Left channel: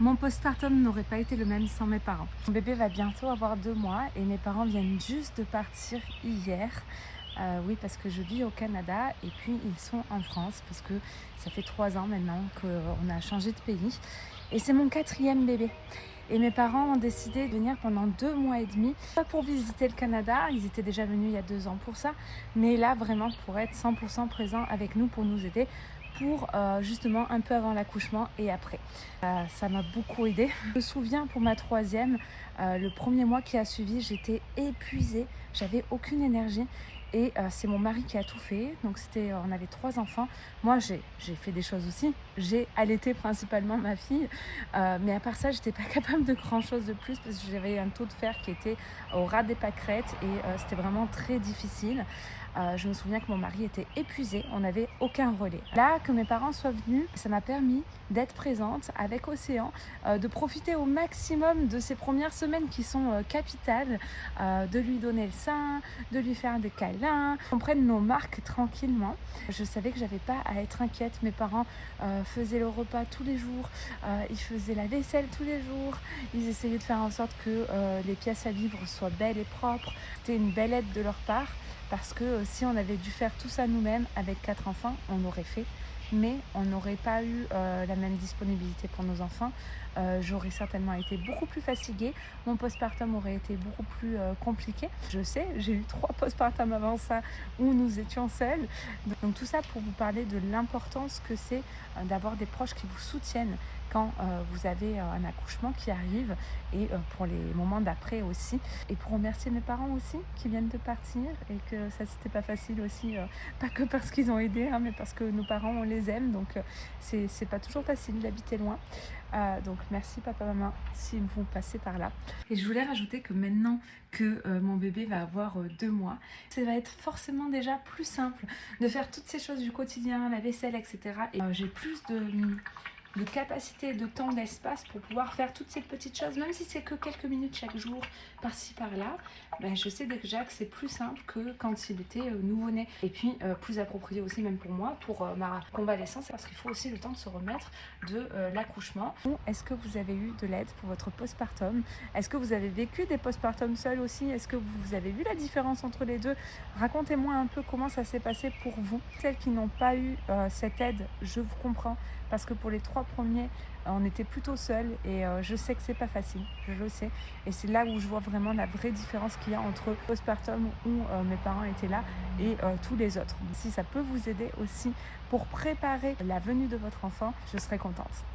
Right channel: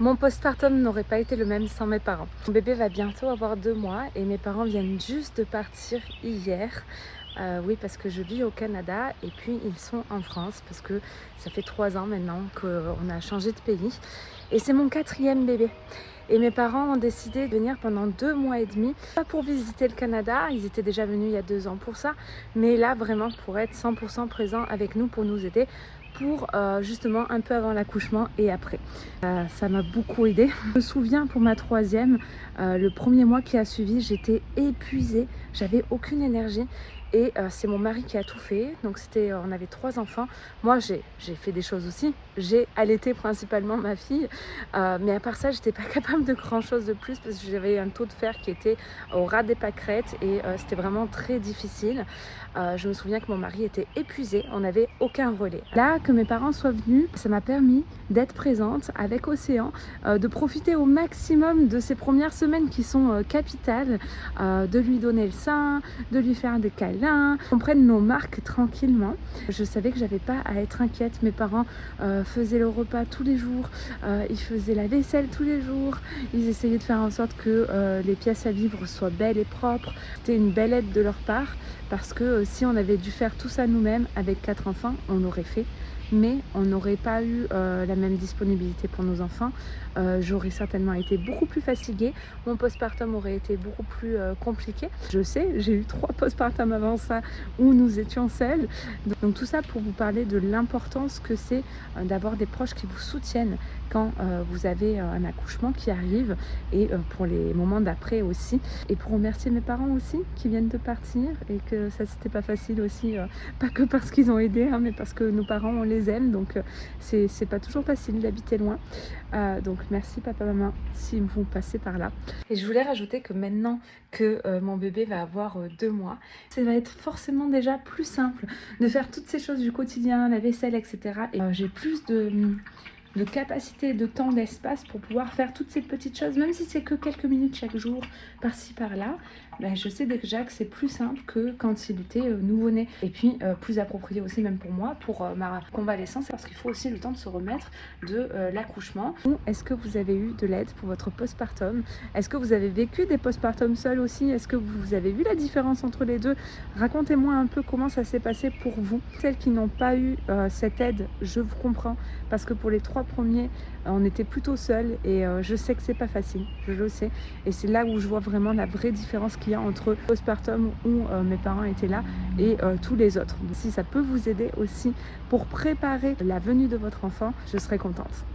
Mon postpartum n'aurait pas été le même sans mes parents. Mon bébé va bientôt avoir 2 mois et mes parents viennent juste de partir hier. Oui, parce que je vis au Canada et puis ils sont en France parce que ça fait 3 ans maintenant qu'on a changé de pays. Et c'est mon 4e bébé. Et mes parents ont décidé de venir pendant 2 mois et demi, pas pour visiter le Canada, ils étaient déjà venus il y a 2 ans pour ça, mais là vraiment pour être 100% présents avec nous, pour nous aider, pour justement un peu avant l'accouchement et après. Ça m'a beaucoup aidée. Je me souviens pour ma 3e, le premier mois qui a suivi, j'étais épuisée, j'avais aucune énergie. Et c'est mon mari qui a tout fait, donc on avait 3 enfants. Moi j'ai fait des choses aussi, j'ai allaité principalement ma fille, mais à part ça j'étais pas capable de grand chose de plus parce que j'avais un taux de fer qui était au ras des pâquerettes et c'était vraiment très difficile. Je me souviens que mon mari était épuisé, on n'avait aucun relais. Là que mes parents soient venus, ça m'a permis d'être présente avec Océan, de profiter au maximum de ces premières semaines qui sont capitales, de lui donner le sein, de lui faire des câlins, qu'on prenne nos marques tranquillement. Je savais que j'avais pas à être inquiète. Mes parents faisaient le repas tous les jours, ils faisaient la vaisselle tous les jours, ils essayaient de faire en sorte que les pièces à vivre soient belles et propres. C'était une belle aide de leur part parce que si on avait dû faire tout ça nous-mêmes avec 4 enfants, on aurait fait. Mais on n'aurait pas eu la même disponibilité pour nos enfants. J'aurais certainement été beaucoup plus fatiguée, mon postpartum aurait été beaucoup plus compliqué. Je sais, j'ai eu 3 postpartums avant ça où nous étions seuls. Donc tout ça pour vous parler de l'importance que c'est d'avoir des proches qui vous soutiennent quand vous avez un accouchement qui arrive et pour les moments d'après aussi. Et pour remercier mes parents aussi qui viennent de partir et que ça c'était pas facile aussi, pas que parce qu'ils ont aidé, hein, mais parce que nos parents on les aime, donc c'est pas toujours facile d'habiter loin. Donc merci papa maman s'ils vont passer par là. Et je voulais rajouter que maintenant que mon bébé va avoir 2 mois, ça va être forcément déjà plus simple de faire toutes ces choses du quotidien, la vaisselle, etc. Et j'ai plus de capacité, de temps, d'espace pour pouvoir faire toutes ces petites choses, même si c'est que quelques minutes chaque jour, par-ci par-là. Ben, je sais déjà que c'est plus simple que quand il était nouveau-né. Et puis plus approprié aussi même pour moi, pour ma convalescence, parce qu'il faut aussi le temps de se remettre de l'accouchement. Est-ce que vous avez eu de l'aide pour votre postpartum? Est-ce que vous avez vécu des postpartums seuls aussi? Est-ce que vous avez vu la différence entre les deux? Racontez-moi un peu comment ça s'est passé pour vous. Celles qui n'ont pas eu cette aide, je vous comprends, parce que pour les 3 premiers, on était plutôt seuls et je sais que c'est pas facile, je le sais. Et c'est là où je vois vraiment la vraie différence qu'il y a entre postpartum où mes parents étaient là et tous les autres. Si ça peut vous aider aussi pour préparer la venue de votre enfant, je serai contente.